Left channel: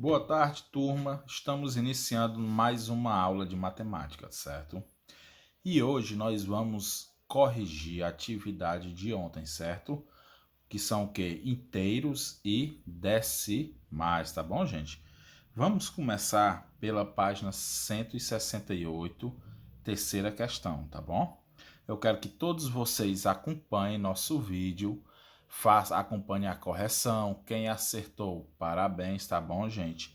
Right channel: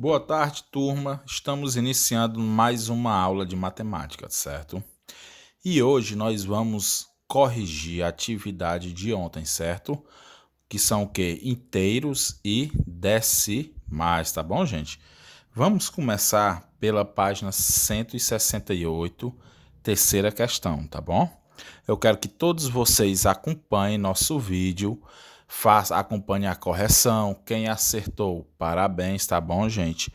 Boa tarde, turma. Estamos iniciando mais uma aula de matemática, certo? E hoje nós vamos corrigir a atividade de ontem, certo? Que são o quê? Inteiros e decimais, tá bom, gente? Vamos começar pela página 168, terceira questão, tá bom? Eu quero que todos vocês acompanhem nosso vídeo, acompanhem a correção. Quem acertou, parabéns, tá bom, gente?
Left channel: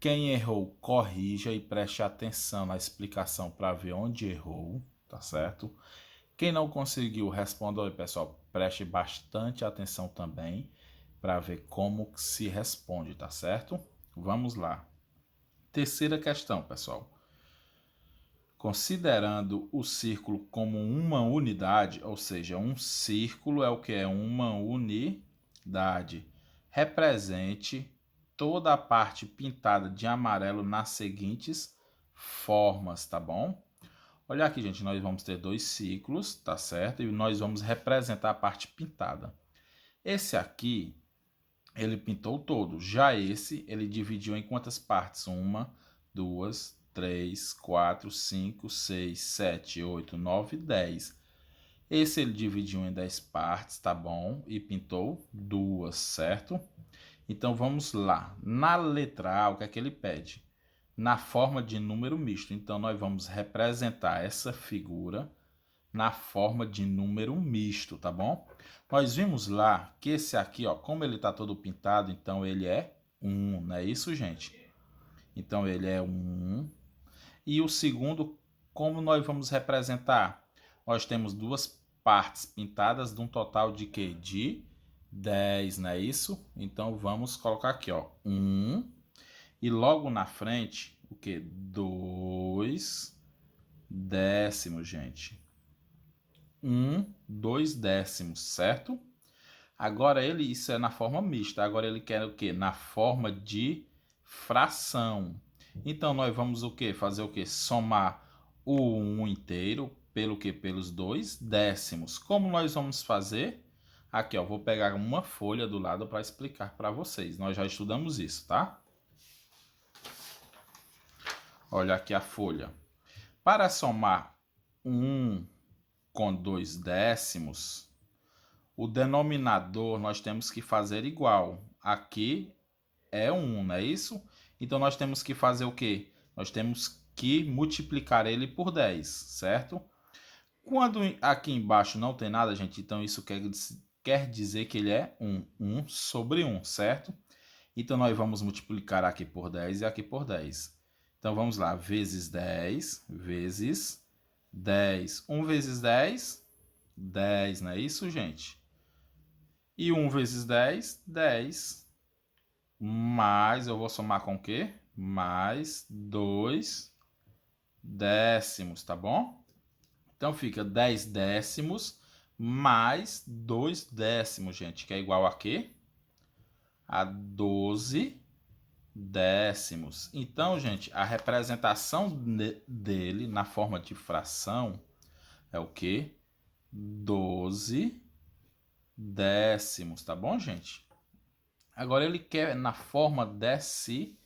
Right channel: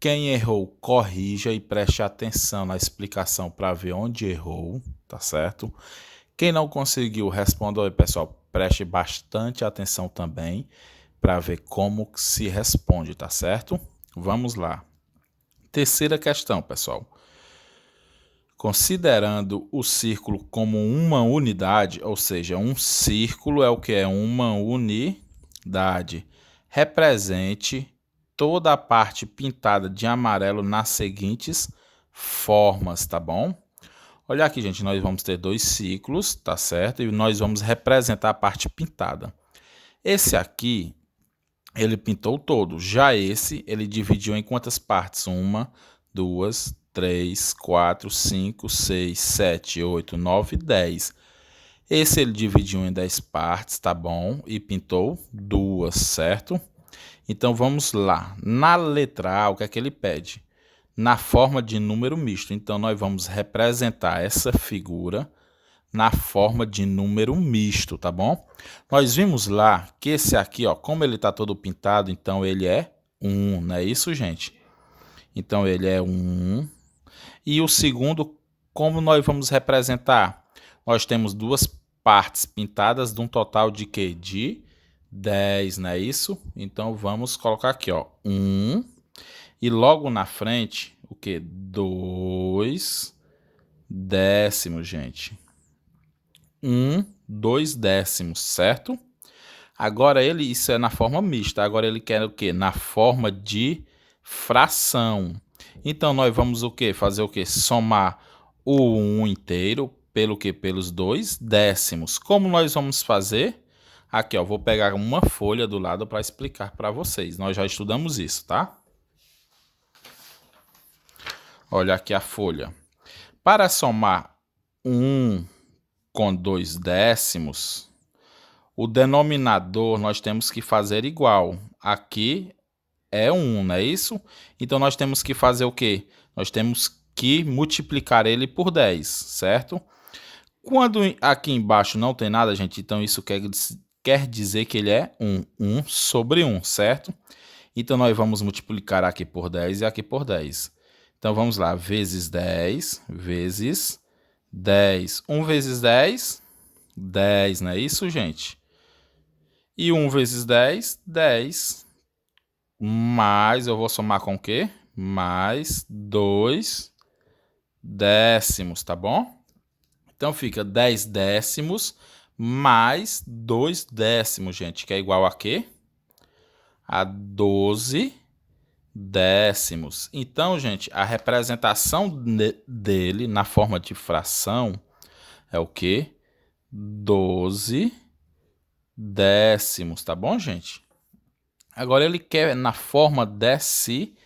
Quem errou, corrija e preste atenção na explicação para ver onde errou, tá certo? Quem não conseguiu, responda aí, pessoal. Preste bastante atenção também para ver como se responde, tá certo? Vamos lá. Terceira questão, pessoal. Considerando o círculo como uma unidade, ou seja, um círculo é o que é uma unidade, represente toda a parte pintada de amarelo nas seguintes formas, tá bom? Olha aqui, gente, nós vamos ter dois círculos, tá certo? E nós vamos representar a parte pintada. Esse aqui, ele pintou todo. Já esse, ele dividiu em quantas partes? 1, 2, 3, 4, 5, 6, 7, 8, 9, 10. Esse ele dividiu em 10 partes, tá bom? E pintou duas, certo? Então vamos lá. Na letra A, o que é que ele pede? Na forma de número misto. Então nós vamos representar essa figura na forma de número misto, tá bom? Nós vimos lá que esse aqui, ó, como ele está todo pintado, então ele é 1, não é isso, gente? Então ele é 1. E o segundo, como nós vamos representar? Nós temos duas partes pintadas de um total de quê? De 10, não é isso? Então vamos colocar aqui, ó, 1. E logo na frente, o quê? 2 décimos, gente. 2 décimos, certo? Agora isso é na forma mista. Agora ele quer o quê? Na forma de fração. Então nós vamos o quê? Fazer o quê? Somar o 1 inteiro pelo quê? Pelos 2 décimos. Como nós vamos fazer? Aqui, ó, vou pegar uma folha do lado para explicar para vocês. Nós já estudamos isso, tá? Olha aqui a folha. Para somar 1 com 2 décimos, o denominador nós temos que fazer igual. Aqui é 1, não é isso? Então nós temos que fazer o quê? Nós temos que multiplicar ele por 10, certo? Quando aqui embaixo não tem nada, gente, então isso quer dizer que ele é 1. 1 sobre 1, certo? Então nós vamos multiplicar aqui por 10 e aqui por 10. Então vamos lá, vezes 10, vezes 10. 1 vezes 10, 10, não é isso, gente? E 1 vezes 10, 10. Mais, eu vou somar com o quê? Mais 2 décimos, tá bom? Então fica 10 décimos mais 2 décimos, gente, que é igual a quê? A 12 décimos. Então, gente, a representação dele na forma de fração é o quê? 12 décimos, tá bom, gente? Agora ele quer na forma decimal.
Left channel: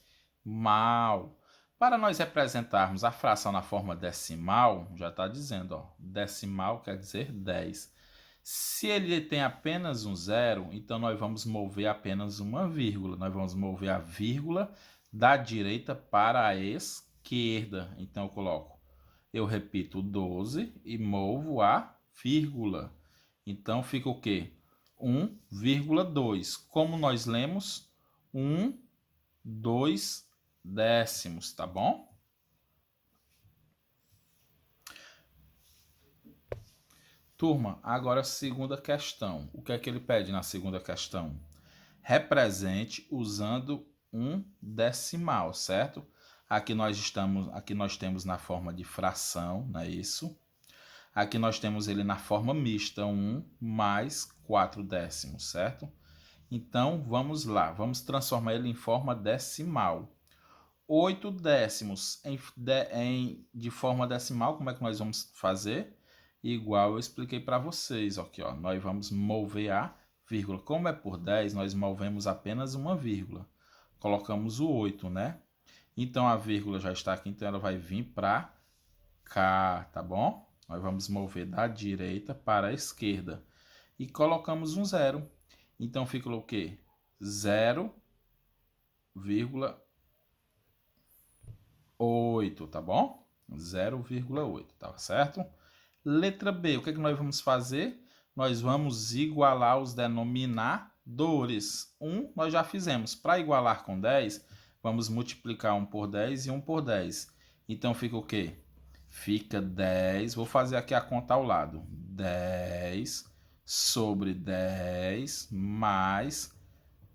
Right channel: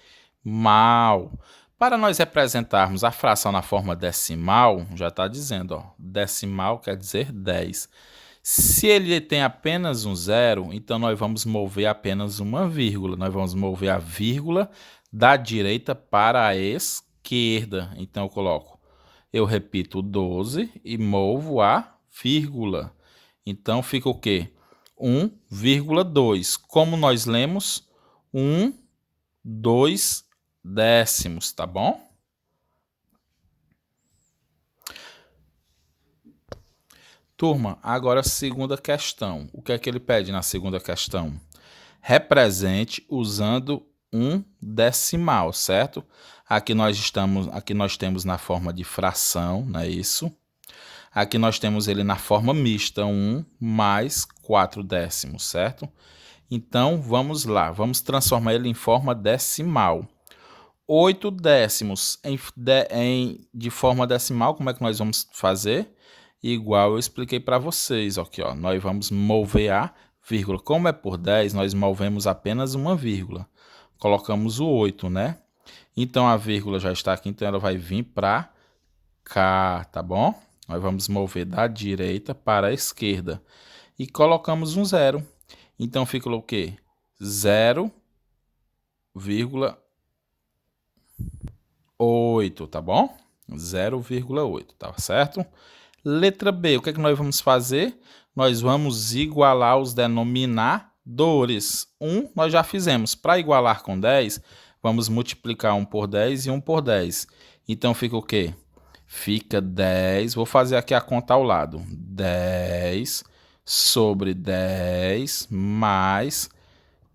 Para nós representarmos a fração na forma decimal, já está dizendo, ó, decimal quer dizer 10. Se ele tem apenas um zero, então nós vamos mover apenas uma vírgula. Nós vamos mover a vírgula da direita para a esquerda. Então eu repito 12 e movo a vírgula. Então fica o quê? 1,2. Como nós lemos? 1, 2 décimos, tá bom? Turma, agora a segunda questão. O que é que ele pede na segunda questão? Represente usando um decimal, certo? Aqui nós temos na forma de fração, não é isso? Aqui nós temos ele na forma mista, 1 mais 4 décimos, certo? Então, vamos lá, vamos transformar ele em forma decimal. 8 décimos de forma decimal, como é que nós vamos fazer? Igual eu expliquei para vocês, aqui, ó, nós vamos mover a vírgula. Como é por 10, nós movemos apenas uma vírgula. colocamos o 8, né? Então, a vírgula já está aqui, então ela vai vir para cá, tá bom? Nós vamos mover da direita para a esquerda. E colocamos um 0. Então, fica o quê? 0,8, tá bom? 0,8, tá certo? Letra B, o que é que nós vamos fazer? Nós vamos igualar os denominadores. 1 nós já fizemos. Para igualar com 10, vamos multiplicar 1 por 10 e 1 por 10. Então, fica o quê? Fica 10, vou fazer aqui a conta ao lado. 10 sobre 10 mais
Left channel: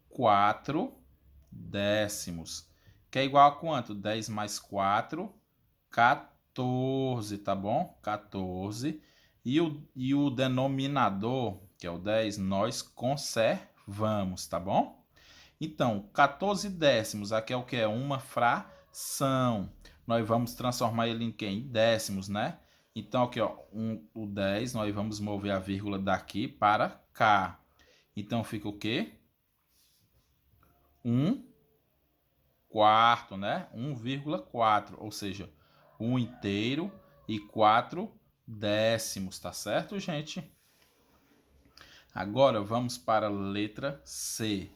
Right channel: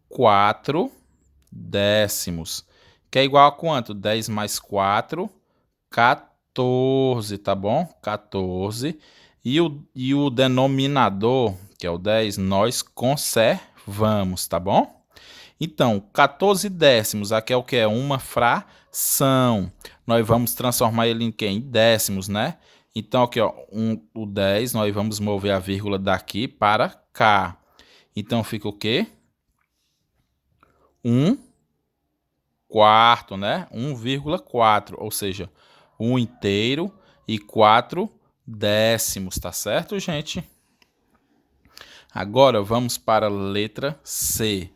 4 décimos. Que é igual a quanto? 10 mais 4, 14, tá bom? 14. E o denominador, que é o 10, nós conservamos, tá bom? Então, 14 décimos, aqui é o que? É uma fração. Nós vamos transformar ele em quê? Em décimos, né? Então, aqui, ó, o 10, nós vamos mover a vírgula daqui para cá. Então, fica o quê? 1 quarto, né? 1,4, ou seja, 1 inteiro e 4 décimos, tá certo, gente? Agora, vamos para a letra C.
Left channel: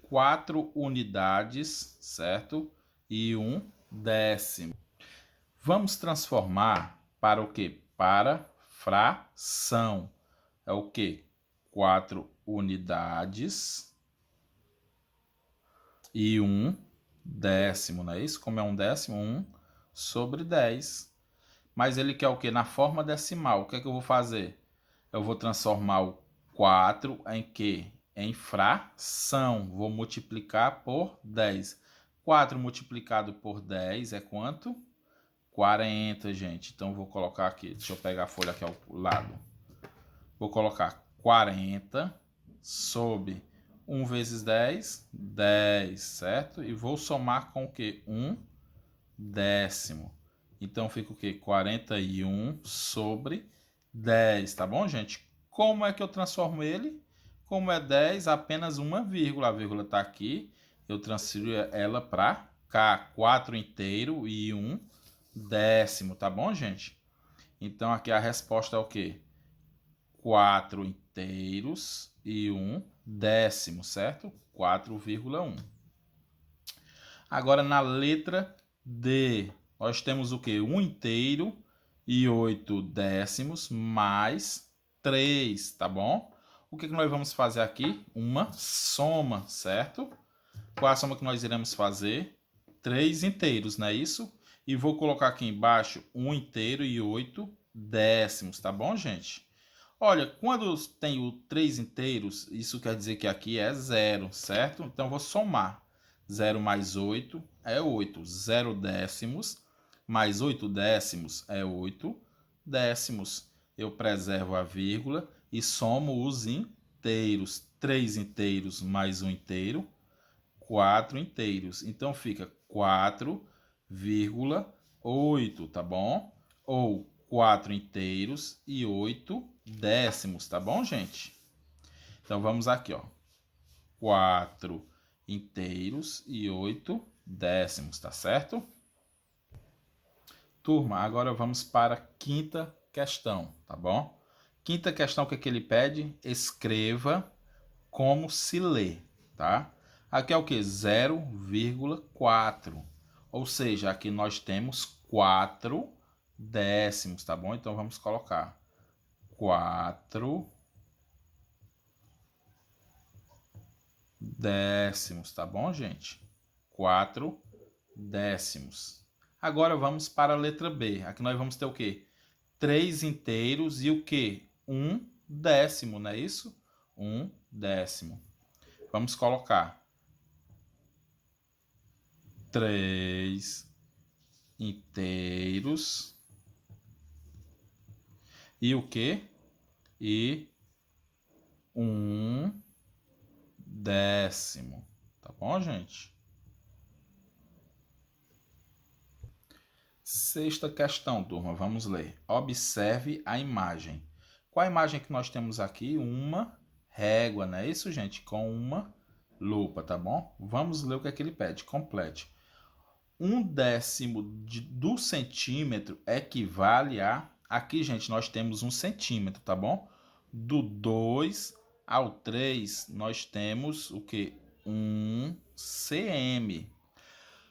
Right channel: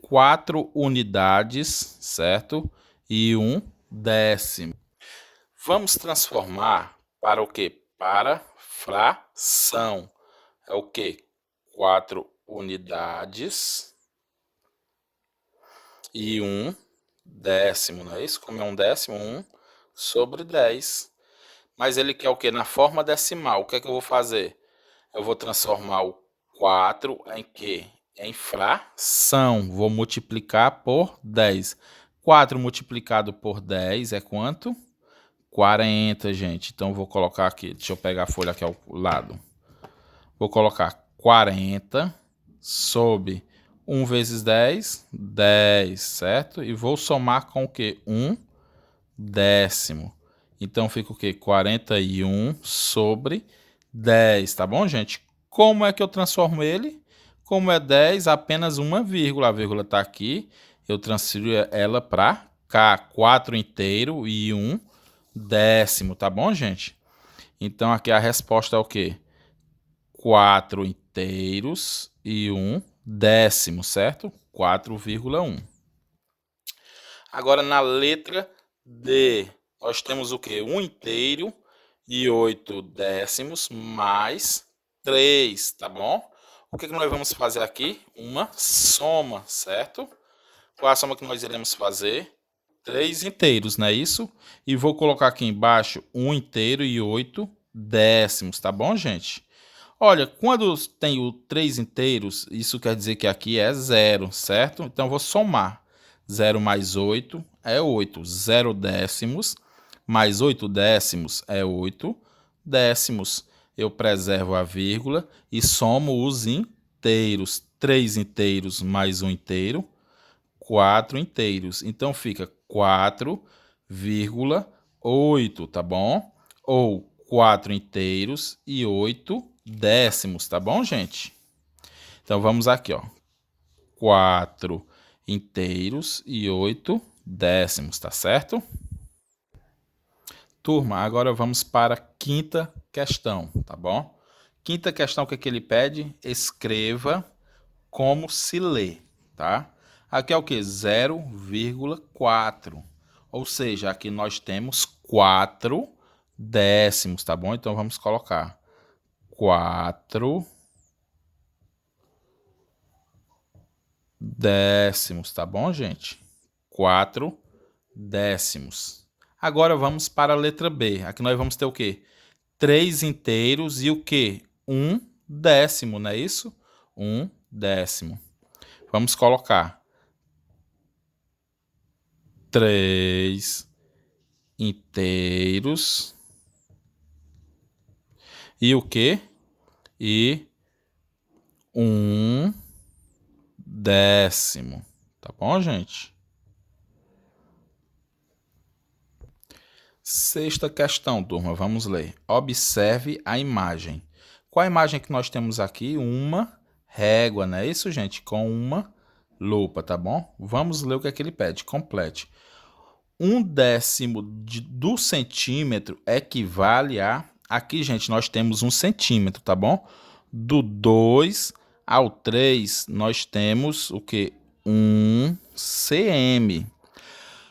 4 unidades, certo? E 1 décimo. Vamos transformar para o quê? Para fração. É o quê? 4 unidades e 1 décimo, não é isso? Como é 1 décimo, 1 sobre 10. Mas ele quer o quê? Na forma decimal. O que é que eu vou fazer? Eu vou transformar o 4 em quê? Em fração. Vou multiplicar por 10. 4 multiplicado por 10 é quanto? 40, gente. Então, vou colocar aqui. Deixa eu pegar a folha aqui ao lado. Vou colocar 40 sobre 1 vezes 10, 10, certo? E vou somar com o quê? 1 décimo. Então, fica o quê? 41 sobre 10, tá bom, gente? Como é que eu transformo ele? Como é 10, apenas uma vírgula. A vírgula está aqui. Eu transfiro ela para cá. 4 inteiro e 1 décimo, tá bom, gente? Então, aqui a resposta é o quê? 4 inteiros e 1 décimo, certo? 4,1. Agora, na letra D, nós temos o quê? 1 inteiro e 8 décimos mais 3, tá bom? O que nós vamos fazer aqui? Uma soma, certo? Qual é a soma que nós iremos fazer? 3 inteiros, não é isso? E vou colocar aqui embaixo 1 inteiro e 8 décimos, tá bom, gente? Olha, quando tenho 3 inteiros, isso quer dizer que aqui é 0, certo? Então, vou somar. 0 mais 8 é 8. 0 décimos mais 8 décimos é 8 décimos. Eu preservo a vírgula e somo os inteiros. 3 inteiros mais 1 inteiro, 4 inteiros. Então, fica 4,8, tá bom? Ou 4 inteiros e 8 décimos, tá bom, gente? Então, vamos aqui, ó. 4 inteiros e 8 décimos, tá certo? Turma, agora vamos para a quinta questão, tá bom? Quinta questão, o que ele pede? Escreva como se lê, tá? Aqui é o que? 0,4. Ou seja, aqui nós temos 4 décimos, tá bom? Então, vamos colocar 4 décimos, tá bom, gente? 4 décimos. Agora vamos para a letra B. Aqui nós vamos ter o quê? 3 inteiros e o quê? 1 décimo, não é isso? 1 décimo. Vamos colocar 3 inteiros e o quê? E 1 décimo. Tá bom, gente? Sexta questão, turma. Vamos ler. Observe a imagem. Qual a imagem que nós temos aqui? Uma régua, não é isso, gente? Com uma lupa, tá bom? Vamos ler o que é que ele pede. Complete. 1/10 do centímetro equivale a... Aqui, gente, nós temos 1 centímetro, tá bom? Do 2 ao 3, nós temos o quê? 1 cm.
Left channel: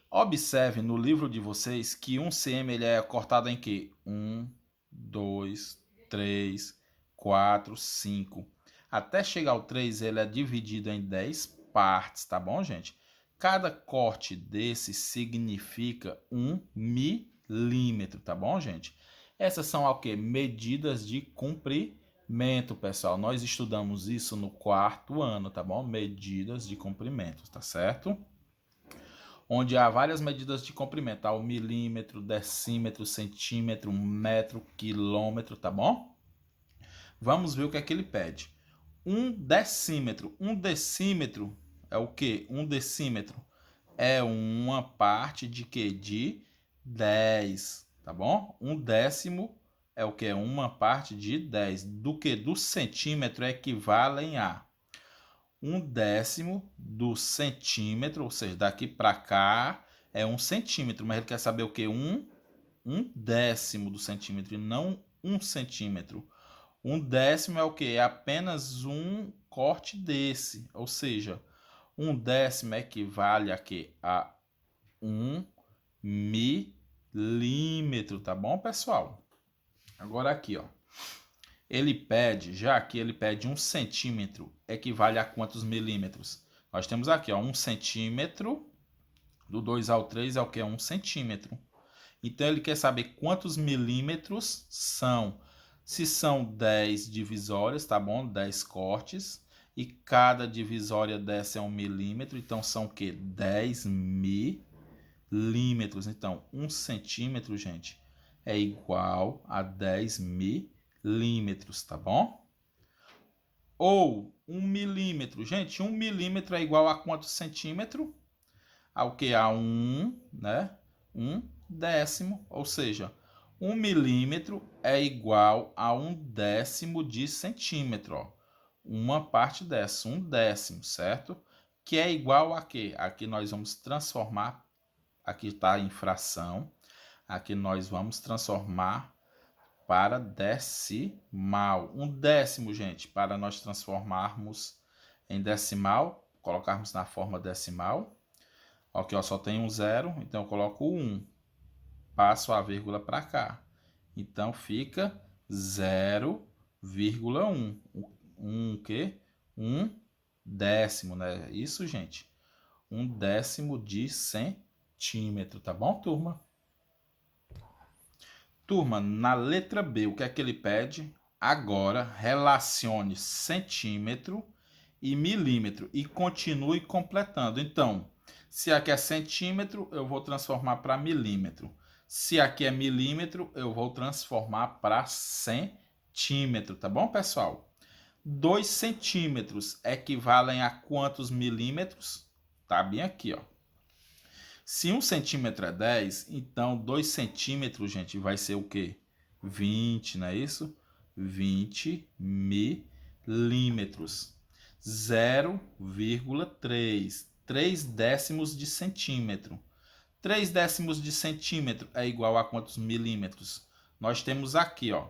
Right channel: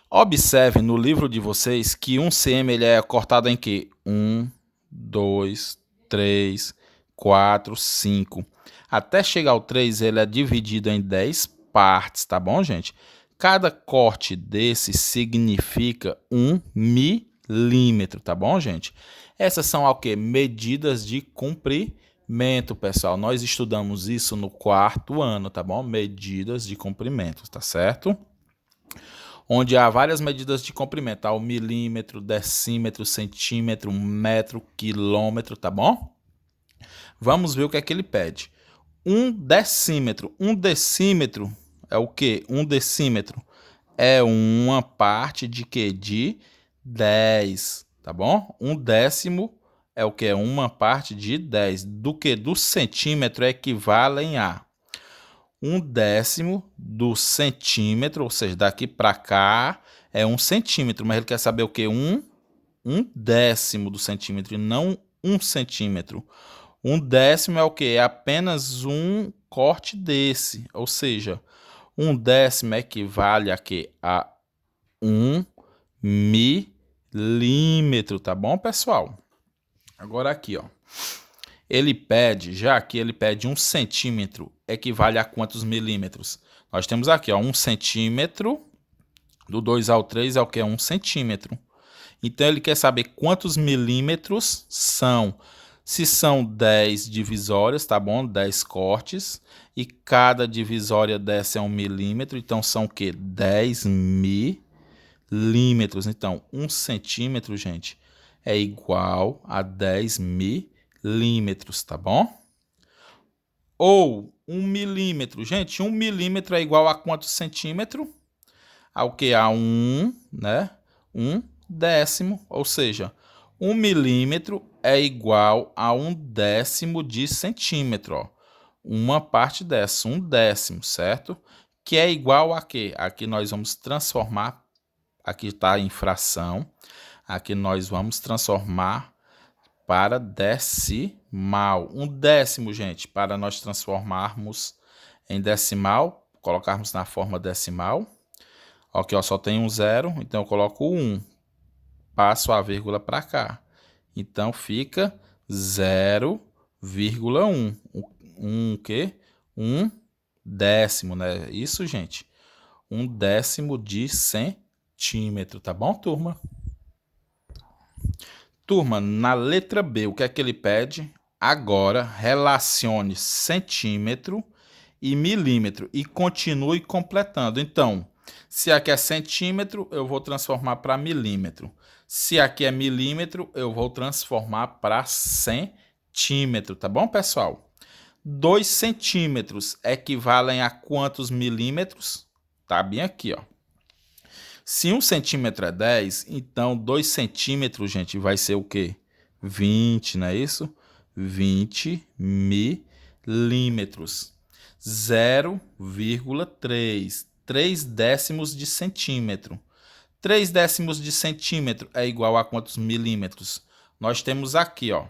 Observe no livro de vocês que 1 cm ele é cortado em quê? 1, 2, 3, 4, 5. Até chegar ao 3, ele é dividido em 10 partes, tá bom, gente? Cada corte desse significa 1 milímetro, tá bom, gente? Essas são o quê? Medidas de comprimento, pessoal. Nós estudamos isso no 4º ano, tá bom? Medidas de comprimento, tá certo? Onde há várias medidas de comprimento, há o milímetro, decímetro, centímetro, metro, quilômetro, tá bom? Vamos ver o que é que ele pede. 1 decímetro. 1 decímetro é o quê? 1 decímetro é uma parte de quê? De 10, tá bom? 1 décimo é o quê? Uma parte de 10. Do que? Do centímetro equivalem a 1 décimo do centímetro, ou seja, daqui para cá é 1 centímetro, mas ele quer saber o quê? 1 décimo do centímetro e não 1 centímetro. 1 décimo é o quê? É apenas um corte desse, ou seja, 1 décimo equivale a quê? A 1 milímetro, tá bom, pessoal? Agora aqui, ó. Ele pede, já aqui ele pede 1 centímetro, equivale a quantos milímetros? Nós temos aqui, ó, 1 centímetro, do 2 ao 3 é o que? É 1 centímetro. Então, ele quer saber quantos milímetros são. Se são 10 divisórias, tá bom? 10 cortes. E cada divisória dessa é 1 milímetro. Então, são o quê? 10 milímetros. Então, 1 centímetro, gente, é igual a 10 milímetros, tá bom? Ou 1 milímetro. Gente, 1 milímetro é igual a quantos centímetros? Ao que? A 1, né? 1 décimo, ou seja, 1 milímetro é igual a 1 décimo de centímetro, ó. Uma parte dessa, 1 décimo, certo? Que é igual a quê? Aqui nós vamos transformar, aqui está em fração, aqui nós vamos transformar para decimal. 1 décimo, gente, para nós transformarmos em decimal, colocarmos na forma decimal. Aqui, ó, só tem um 0, então eu coloco 1. Passo a vírgula para cá. Então, fica 0,1. O quê? 1 décimo, né? Isso, gente. 1 décimo de centímetro, tá bom, turma? Turma, na letra B, o que é que ele pede? Agora, relacione centímetro e milímetro e continue completando. Então, se aqui é centímetro, eu vou transformar para milímetro. Se aqui é milímetro, eu vou transformar para centímetro, tá bom, pessoal? 2 centímetros equivalem a quantos milímetros? Tá bem aqui, ó. Se 1 centímetro é 10, então 2 centímetros, gente, vai ser o quê? 20, não é isso? 20 milímetros. 0,3. 3 décimos de centímetro. 3 décimos de centímetro é igual a quantos milímetros? Nós temos aqui, ó.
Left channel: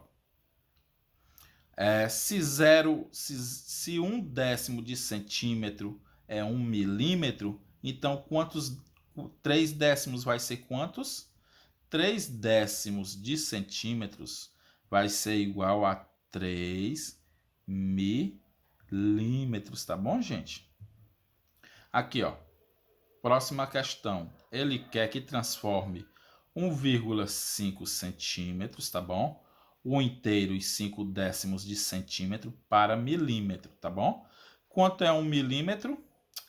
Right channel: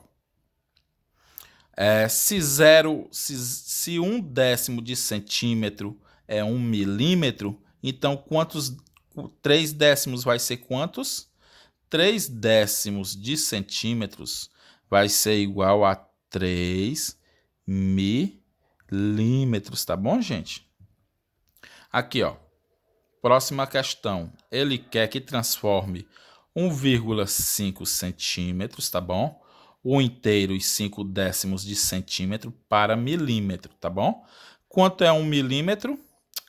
Se 1 décimo de centímetro é 1 milímetro, então quantos 3 décimos vai ser quantos? 3 décimos de centímetros vai ser igual a 3 milímetros, tá bom, gente? Aqui, ó. Próxima questão. Ele quer que transforme 1,5 centímetros, tá bom? 1 inteiro e 5 décimos de centímetro para milímetro, tá bom? Quanto é 1 milímetro?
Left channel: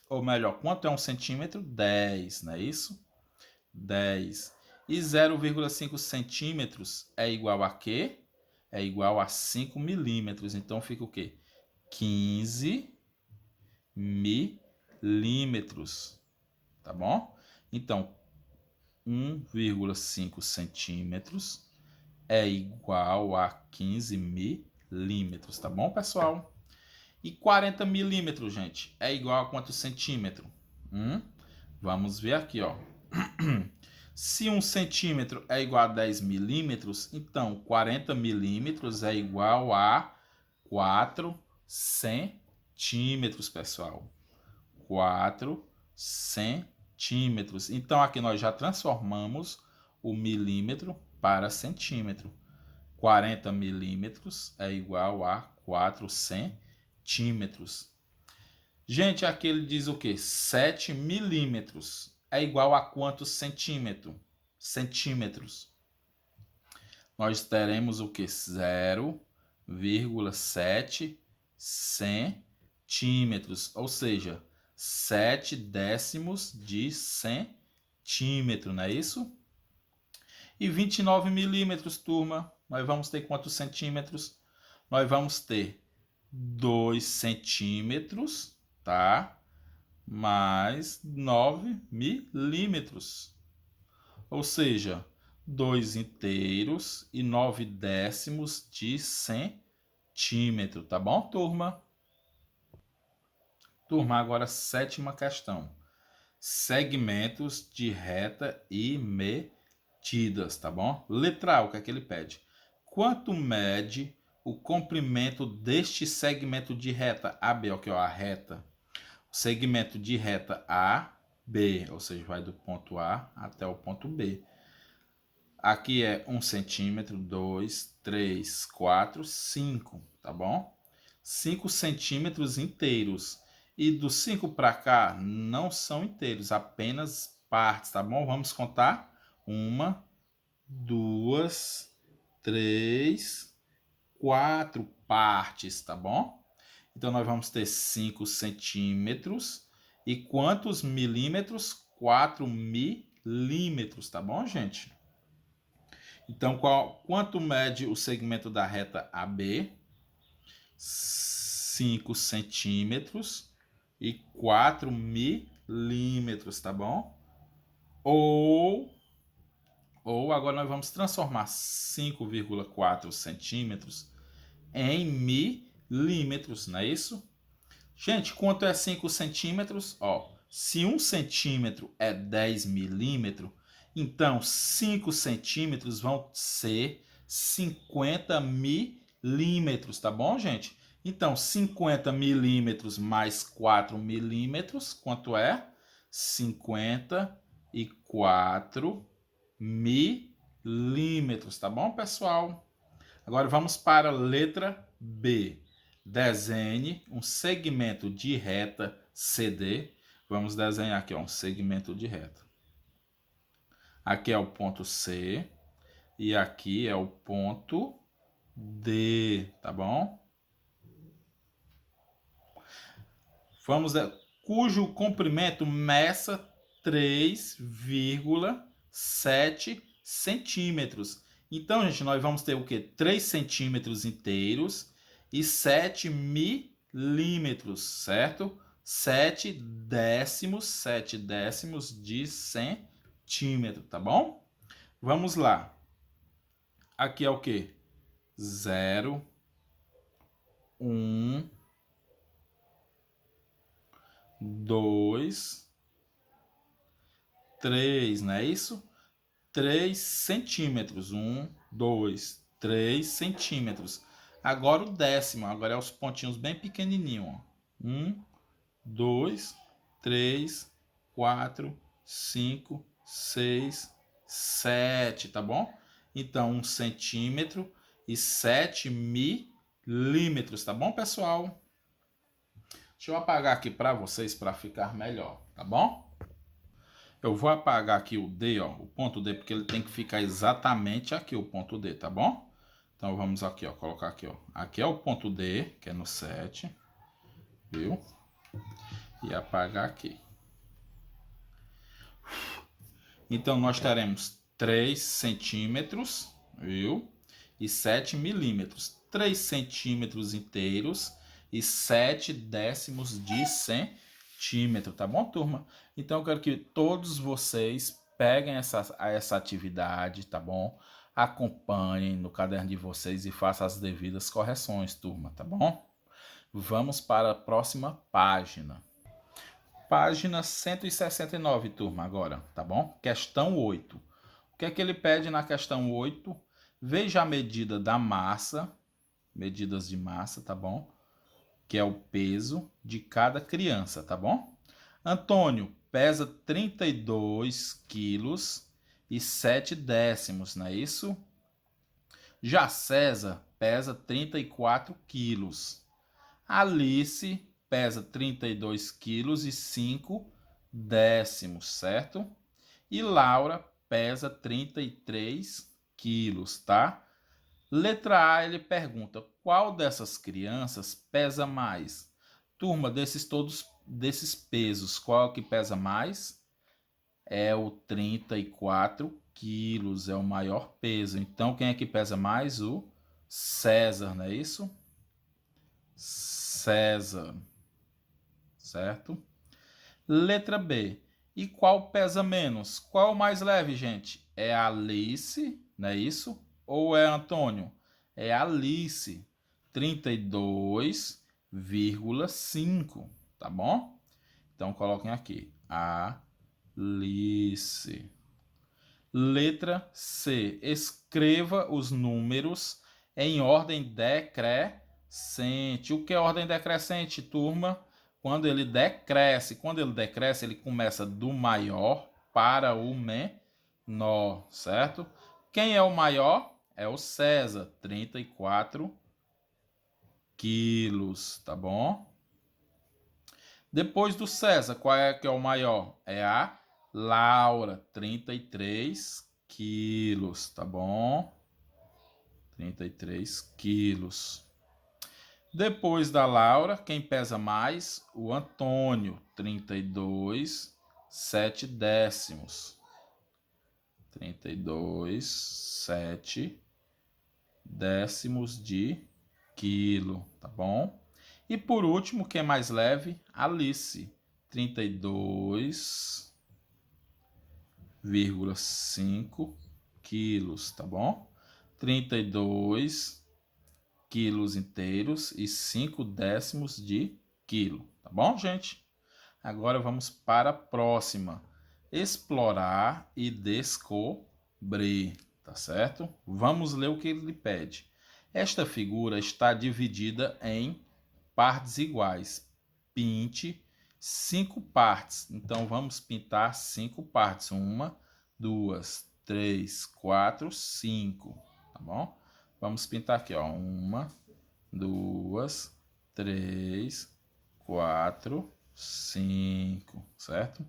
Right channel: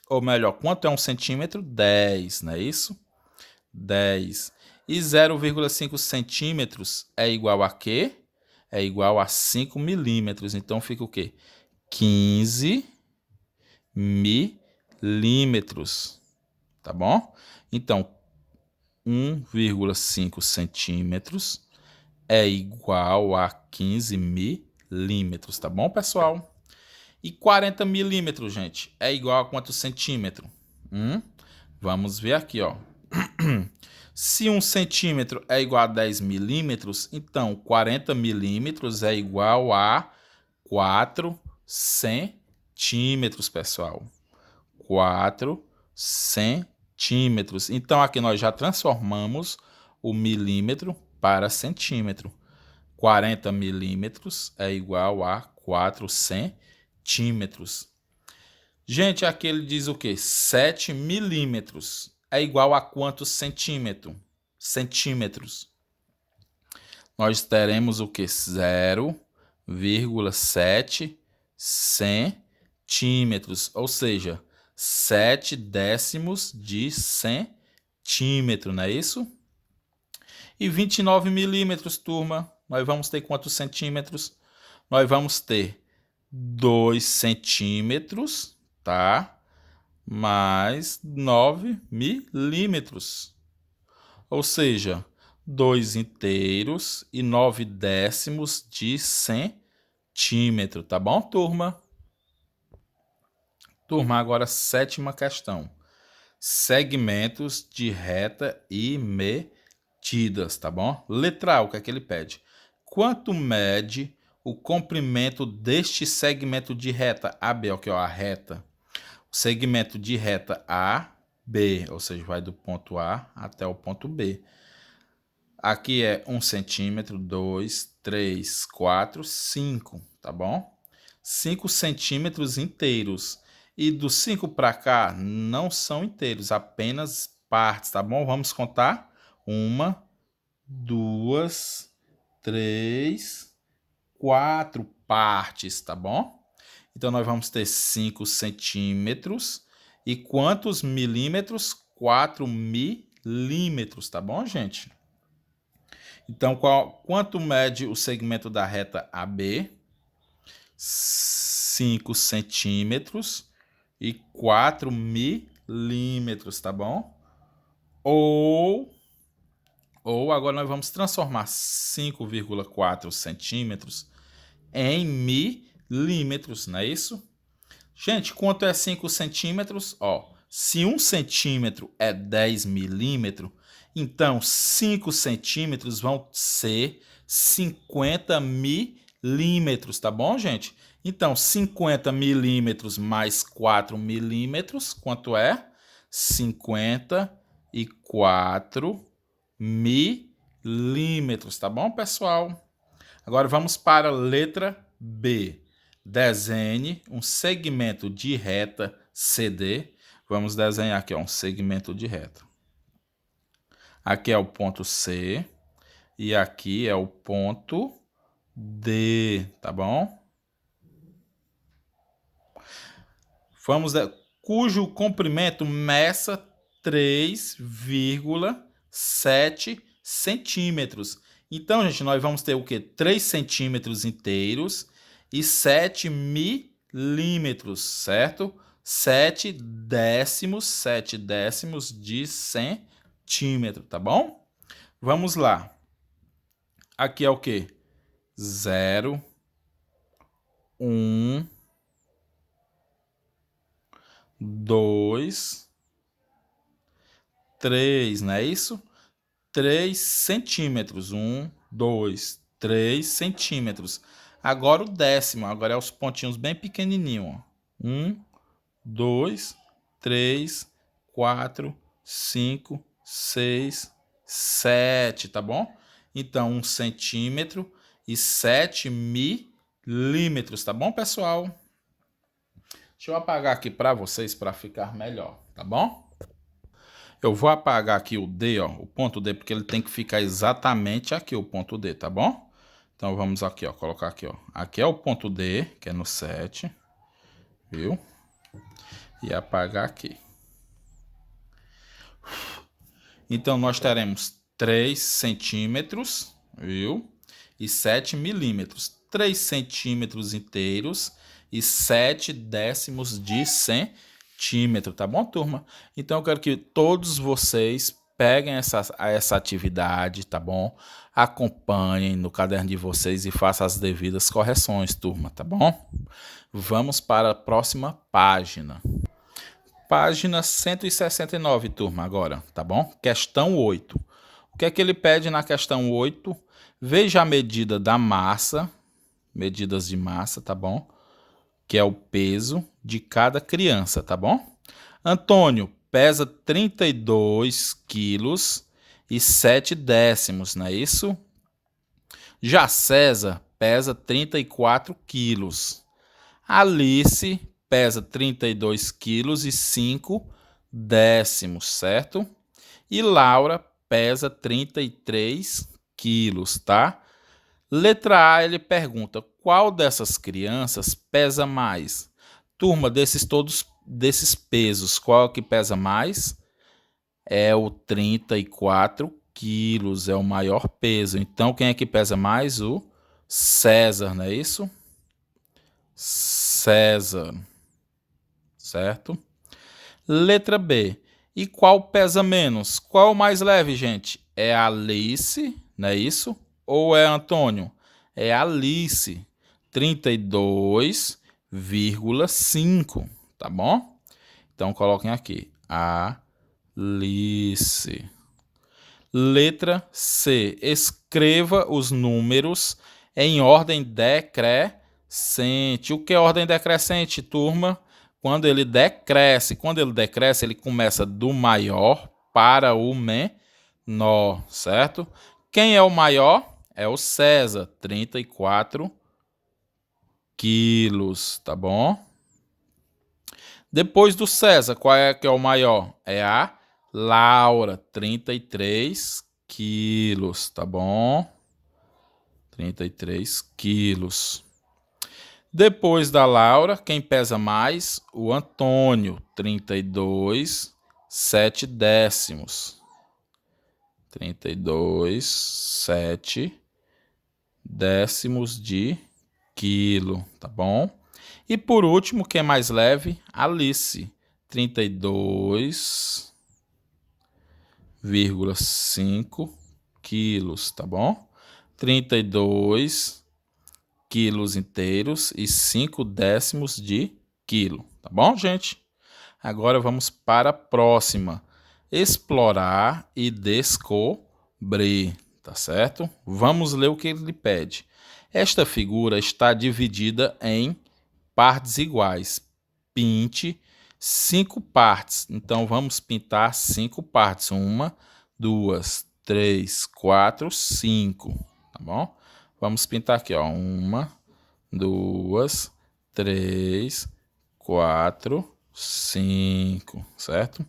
Ou melhor, quanto é 1 centímetro? 10, não é isso? 10. E 0,5 centímetros é igual a quê? É igual a 5 milímetros. Então, fica o quê? 15 milímetros. Tá bom? Então, 1,5 centímetros é igual a 15 milímetros, tá bom, pessoal? E 40 milímetros, gente, é igual a quantos centímetros? Vamos ver aqui, ó. Se 1 centímetro é igual a 10 milímetros, então 40 milímetros é igual a 4 centímetros, pessoal. 4 centímetros. Então, aqui nós já transformamos o milímetro para centímetro. 40 milímetros é igual a 4 centímetros. Gente, aqui ele diz o quê? 7 milímetros é igual a quantos centímetros? Nós teremos o quê? 0,7 centímetros, ou seja, 7 décimos de centímetro, não é isso? E 29 milímetros, turma, nós vamos ter quantos centímetros? Nós vamos ter 2 centímetros, tá? Mais 9 milímetros. Ou seja, 2 inteiros e 9 décimos de centímetro, tá bom, turma? Turma, agora 7ª questão. Segmentos de reta e medidas, tá bom? Letra A, o que é que ele pede? Quanto mede o comprimento deste segmento de reta AB, ó, que é a reta? O segmento de reta AB, ou seja, vai do ponto A até o ponto B. Aqui é 1 centímetro, 2, 3, 4, 5, tá bom? 5 centímetros inteiros. E do 5 para cá não são inteiros, apenas partes, tá bom? Vamos contar. 1, 2, 3, 4 partes, tá bom? Então, nós vamos ter 5 centímetros. E quantos milímetros? 4 milímetros, tá bom, gente? Então, quanto mede o segmento da reta AB? 5 centímetros e 4 milímetros, tá bom? Ou agora nós vamos transformar 5,4 centímetros em milímetros, não é isso? Gente, quanto é 5 centímetros? Ó, se 1 centímetro é 10 milímetros, então 5 centímetros vão ser 50 milímetros, tá bom, gente? Então, 50 milímetros mais 4 milímetros, quanto é? 54 milímetros, tá bom, pessoal? Agora vamos para a letra B. Desenhe um segmento de reta CD. Vamos desenhar aqui, ó, um segmento de reta. Aqui é o ponto C e aqui é o ponto D, tá bom? Cujo comprimento meça 3,7 centímetros. Então, gente, nós vamos ter o quê? 3 centímetros inteiros e 7 milímetros, certo? 7 décimos de centímetro, tá bom? Vamos lá. Aqui é o quê? 0, 1, 2, 3, não é isso? 3 centímetros. 1, 2, 3 centímetros. Agora o décimo, agora é os pontinhos bem pequenininhos. 1, 2, 3, 4, 5, 6, 7, tá bom? Então, 1 centímetro e 7 milímetros, tá bom, pessoal? Deixa eu apagar aqui para vocês para ficar melhor, tá bom? Eu vou apagar aqui o D, ó, o ponto D, porque ele tem que ficar exatamente aqui, o ponto D, tá bom? Então, vamos aqui, ó, colocar aqui, ó. Aqui é o ponto D, que é no 7, viu? E apagar aqui. Então, nós teremos 3 centímetros, viu? E 7 milímetros. 3 centímetros inteiros e 7 décimos de centímetro, tá bom, turma? Então, eu quero que todos vocês peguem essa atividade, tá bom? Acompanhem no caderno de vocês e façam as devidas correções, turma, tá bom? Vamos para a próxima página. Página 169, turma, agora, tá bom? Questão 8. O que é que ele pede na questão 8? Veja a medida da massa, medidas de massa, tá bom? Que é o peso de cada criança, tá bom? Antônio pesa 32 quilos e 7 décimos, não é isso? Já César pesa 34 quilos. Alice pesa 32 quilos e 5 décimos, certo? E Laura pesa 33 quilos, tá? Letra A, ele pergunta, qual dessas crianças pesa mais? Turma, desses pesos, qual que pesa mais? É o 34 quilos, é o maior peso. Então, quem é que pesa mais? O César, não é isso? César, certo? Letra B. E qual pesa menos? Qual é o mais leve, gente? É Alice, não é isso? Ou é Antônio? É Alice, 32,5, tá bom? Então coloquem aqui, Alice. Letra C. Escreva os números em ordem decrescente. O que é ordem decrescente, turma? Quando ele decresce. Quando ele decresce, ele começa do maior para o menor, certo? Quem é o maior? É o César, 34 quilos, tá bom? Depois do César, qual é que é o maior? É a Laura, 33 quilos, tá bom? 33 quilos. Depois da Laura, quem pesa mais? O Antônio, 32, 7 décimos. 32, 7 décimos de quilo, tá bom? E por último, quem é mais leve? Alice, 32,5 quilos, tá bom? 32 quilos inteiros e 5 décimos de quilo, tá bom, gente? Agora vamos para a próxima. Explorar e descobrir, tá certo? Vamos ler o que ele pede. Esta figura está dividida em partes iguais. Pinte 5 partes. Então, vamos pintar 5 partes. 1, 2, 3, 4, 5. Tá bom? Vamos pintar aqui, ó. 1, 2, 3, 4, 5. Certo?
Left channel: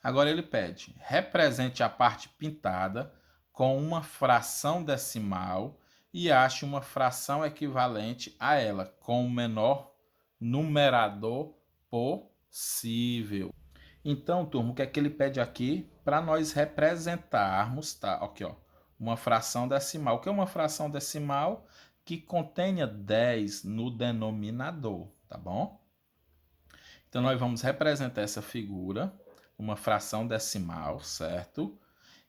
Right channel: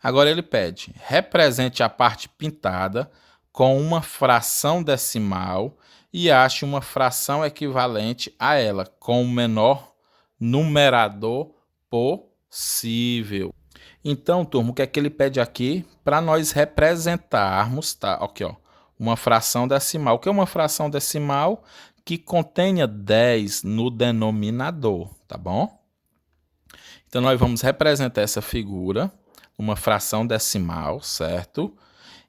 Agora ele pede, represente a parte pintada com uma fração decimal e ache uma fração equivalente a ela, com o menor numerador possível. Então, turma, o que é que ele pede aqui? Para nós representarmos, tá? Aqui, ó, uma fração decimal. O que é uma fração decimal? Que contenha 10 no denominador, tá bom? Então, nós vamos representar essa figura, uma fração decimal, certo?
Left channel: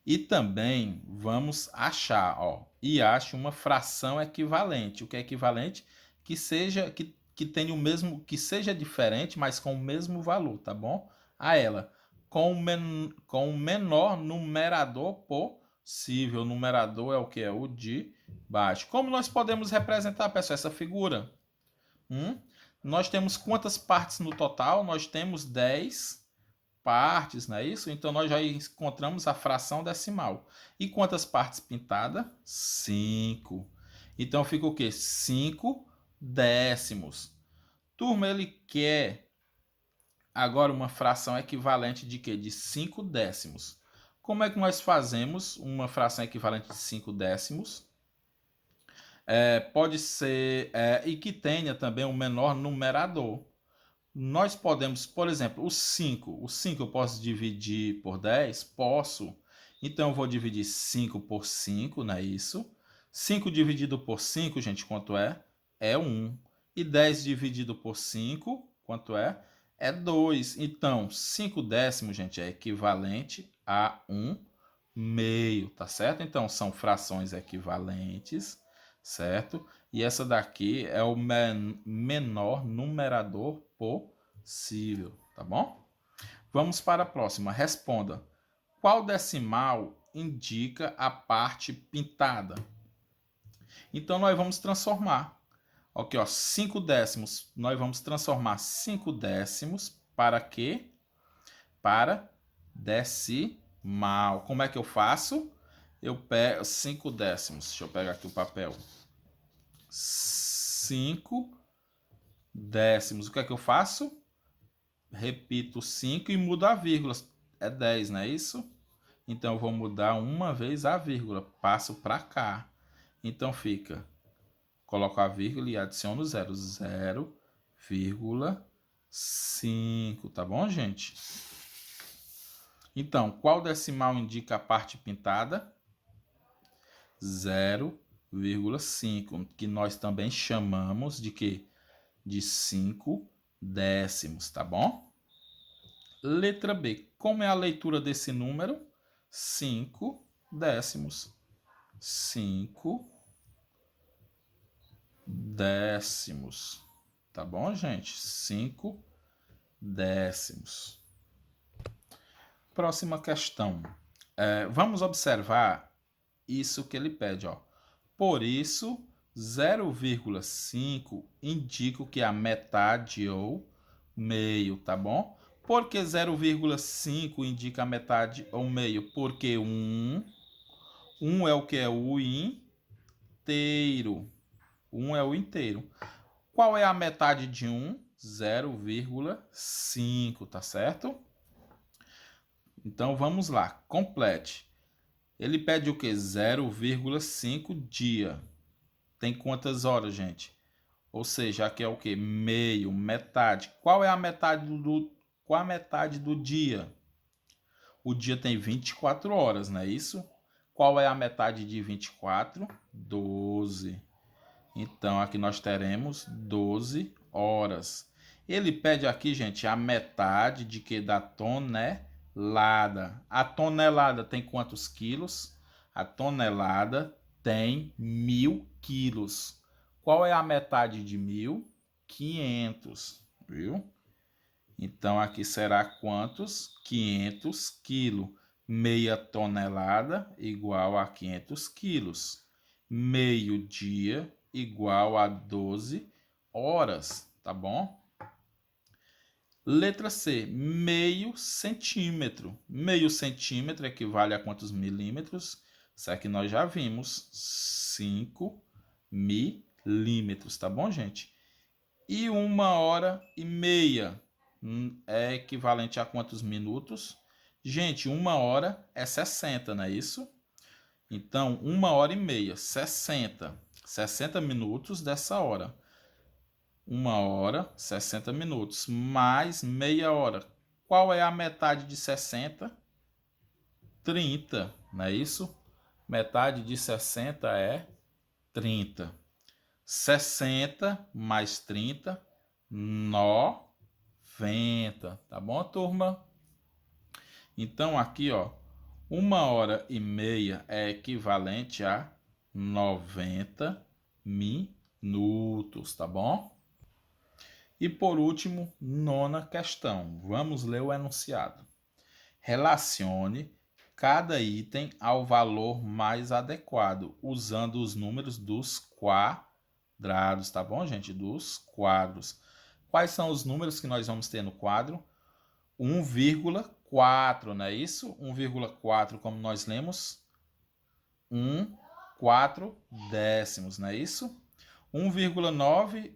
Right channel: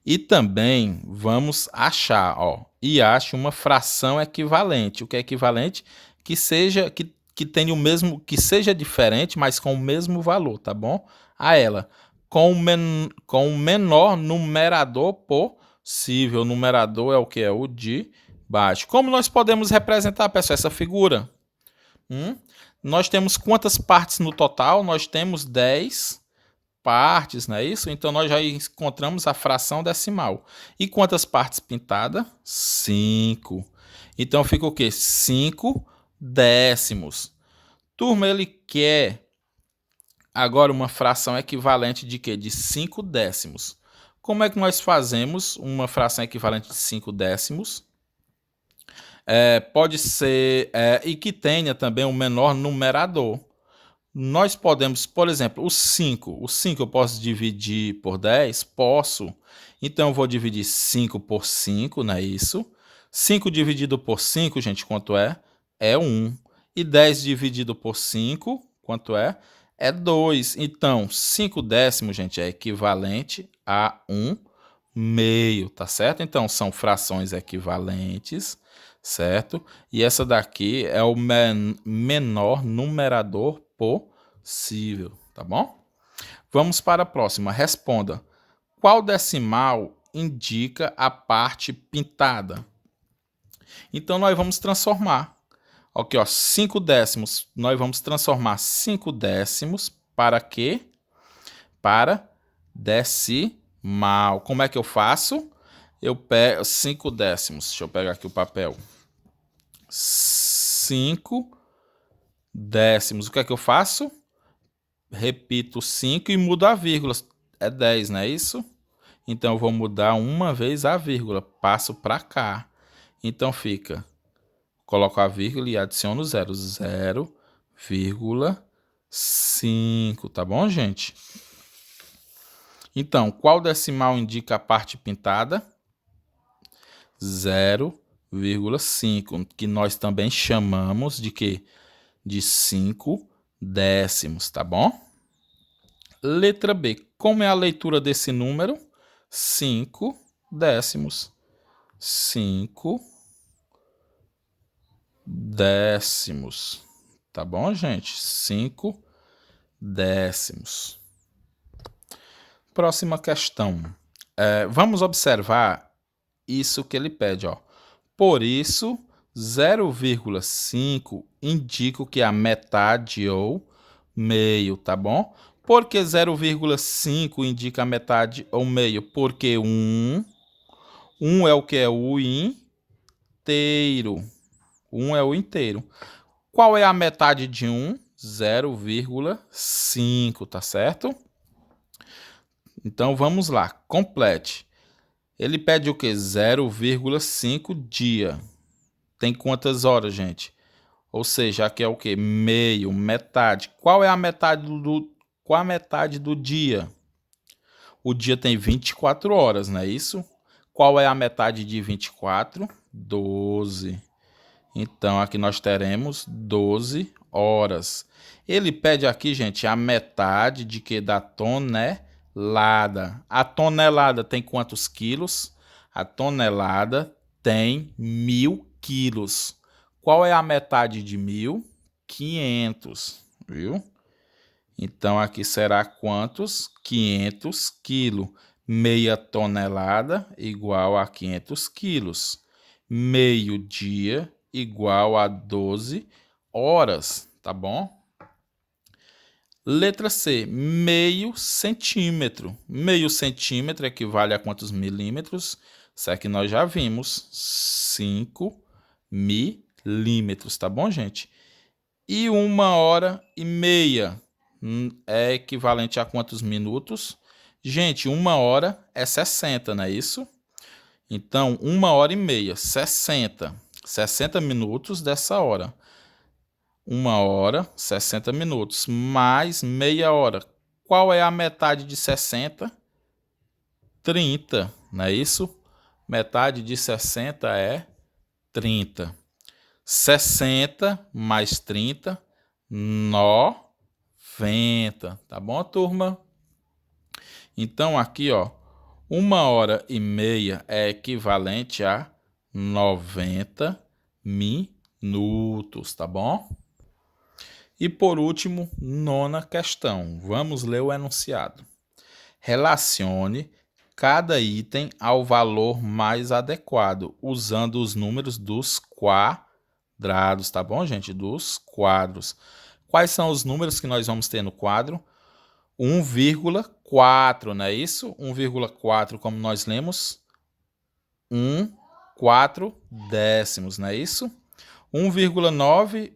E também vamos achar, ó, e ache uma fração equivalente. O que é equivalente? Que seja, que tenha o mesmo, que seja diferente, mas com o mesmo valor, tá bom? A ela, com o menor numerador possível. O numerador é o que? É o de baixo. Como nós podemos representar, pessoal, essa figura? Nós temos quantas partes no total? Nós temos 10 partes, não é isso? Então, nós já encontramos a fração decimal. E quantas partes pintadas? 5. Então, fica o quê? 5 décimos. Turma, ele quer agora uma fração equivalente de quê? De 5 décimos. Como é que nós fazemos uma fração equivalente de 5 décimos? Pode ser, e que tenha também um menor numerador. Nós podemos, por exemplo, o 5. O 5 eu posso dividir por 10? Posso. Então, eu vou dividir 5 por 5, não é isso? 5 dividido por 5, gente, quanto é? É 1. E 10 dividido por 5, quanto é? É 2. Então, 5 décimos, gente, é equivalente a 1 meio, tá certo? Então, são frações equivalentes, certo? E essa daqui é o menor numerador possível, tá bom? Vamos para a próxima. Responda. Qual decimal indica a parte pintada? Então, nós vamos transformar. Aqui, ó, 5 décimos. Nós vamos transformar 5 décimos para quê? Para decimal. Como é que eu faço? Eu pego 5 décimos. Deixa eu pegar aqui o papel. 5 décimos. O que é que eu faço? Repito 5 e mudo a vírgula. É 10, não é isso? Então, eu vou mudar uma vez a vírgula. Passo para cá. Então, fica... Coloco a vírgula e adiciono 0. 0,5. Tá bom, gente? Então, qual decimal indica a parte pintada? 0,5, que nós também chamamos de quê? De 5 décimos, tá bom? Letra B. Como é a leitura desse número? 5 décimos. 5 décimos. Tá bom, gente? 5 décimos. Próxima questão. Vamos observar isso que ele pede, ó. Por isso, 0,5 indica que a metade ou meio, tá bom? Por que 0,5 indica a metade ou meio? Porque 1 é o que? É o inteiro. 1 é o inteiro. Qual é a metade de 1? 0,5, tá certo? Então, vamos lá. Complete. Ele pede o quê? 0,5 dia. Tem quantas horas, gente? Ou seja, aqui é o quê? Meio, metade. Qual é a metade qual a metade do dia? O dia tem 24 horas, não é isso? Qual é a metade de 24? 12. Então, aqui nós teremos 12 horas. Ele pede aqui, gente, a metade de que da tonelada. A tonelada tem quantos quilos? A tonelada tem 1.000 quilos. Qual é a metade de 1.000? 500, viu? Então, aqui será quantos? 500 quilos. Meia tonelada igual a 500 quilos. Meio dia igual a 12 horas, tá bom? Letra C, meio centímetro. Meio centímetro equivale a quantos milímetros? Isso aqui nós já vimos, 5 milímetros, tá bom, gente? E 1h30 é equivalente a quantos minutos? Gente, 1 hora é 60, não é isso? Então, 1h30, 60. 60 minutos dessa hora. 1 hora, 60 minutos, mais meia hora. Qual é a metade de 60? 30, não é isso? Metade de 60 é 30. 60 mais 30, 90. Tá bom, turma? Então, aqui, ó, 1h30 é equivalente a 90 minutos, tá bom? E por último, 9ª questão. Vamos ler o enunciado. Relacione cada item ao valor mais adequado, usando os números dos quadrados, tá bom, gente? Dos quadros. Quais são os números que nós vamos ter no quadro? 1,4, não é isso? 1,4, como nós lemos, 4 décimos, não é isso? 1,9,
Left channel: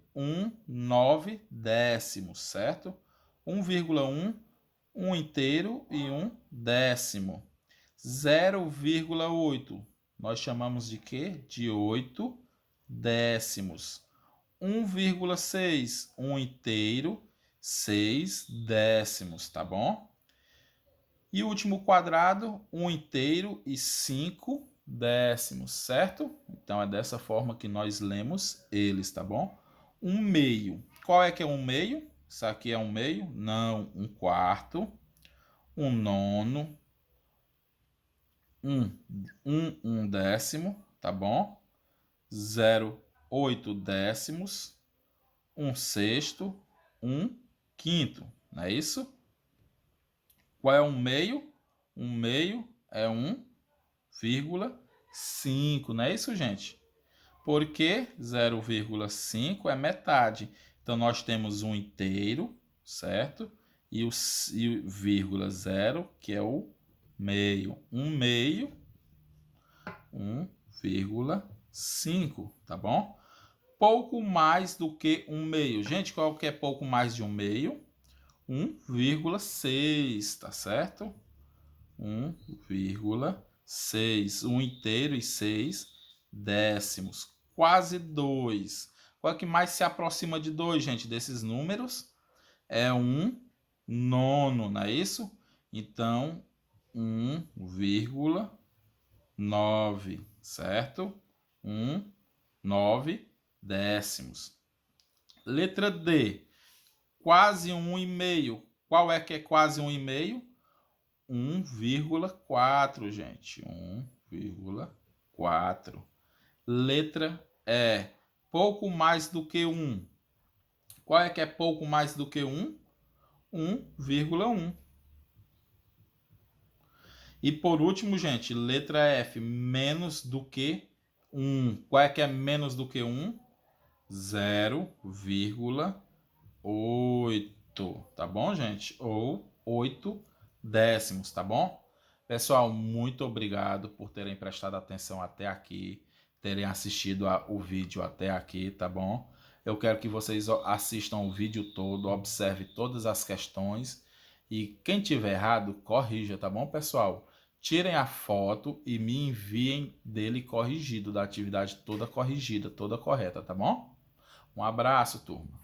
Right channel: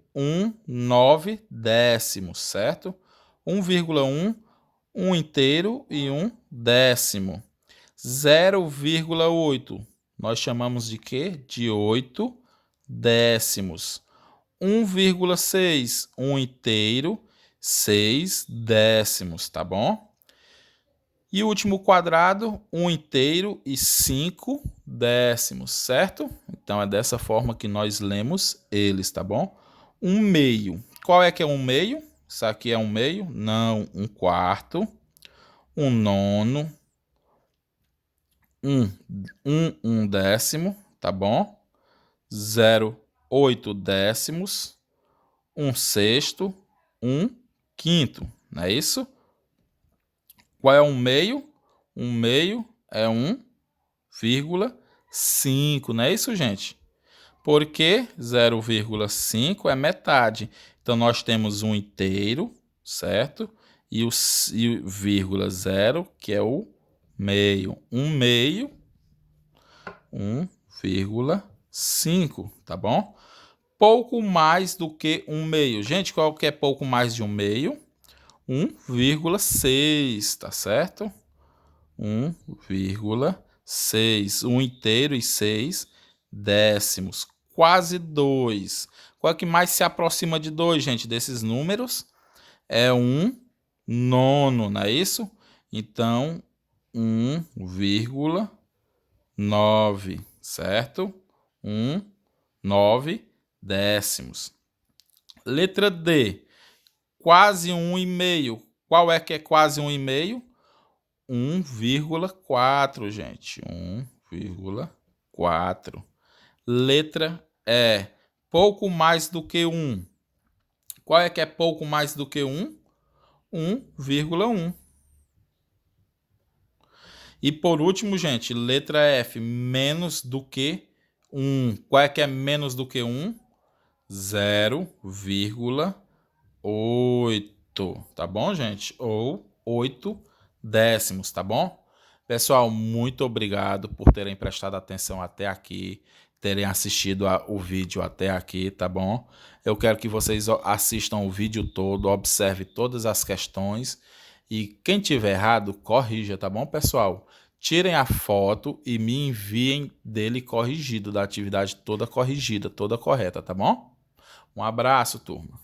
9 décimos, certo? 1,1, 1 inteiro e 1 décimo. 0,8, nós chamamos de quê? De 8 décimos. 1,6, 1 inteiro, 6 décimos, tá bom? E o último quadrado, 1 inteiro e 5 décimos, certo? Então, é dessa forma que nós lemos eles, tá bom? 1 meio. Qual é que é 1 meio? Isso aqui é 1 meio? Não. 1 quarto, 1 nono, 1 décimo, tá bom? 0,8 décimos, 1 sexto, 1 quinto, não é isso? Qual é um meio? Um meio é 1,5, não é isso, gente? Porque 0,5 é metade. Então, nós temos um inteiro, certo? E o vírgula 0, que é o meio. 1,5, tá bom? Pouco mais do que 1 meio. Gente, qual que é pouco mais de 1 meio? 1,6, tá certo? 1,6. 1 inteiro e 6 décimos. Quase 2. Qual é que mais se aproxima de 2, gente, desses números? É 1 nono, não é isso? Então, 1,9, certo? 1,9 décimos. Letra D. Quase 1,5. Qual é que é quase 1,5? 1,4, gente. 1,4. Letra E. Pouco mais do que 1. Qual é que é pouco mais do que 1? 1,1. E por último, gente, letra F. Menos do que 1. Qual é que é menos do que 1? 0,8. Tá bom, gente? Ou 8 décimos, tá bom? Pessoal, muito obrigado por terem prestado atenção até aqui, terem assistido o vídeo até aqui, tá bom? Eu quero que vocês assistam o vídeo todo, observe todas as questões e quem tiver errado, corrija, tá bom, pessoal? Tirem a foto e me enviem dele corrigido, da atividade toda corrigida, toda correta, tá bom? Um abraço, turma.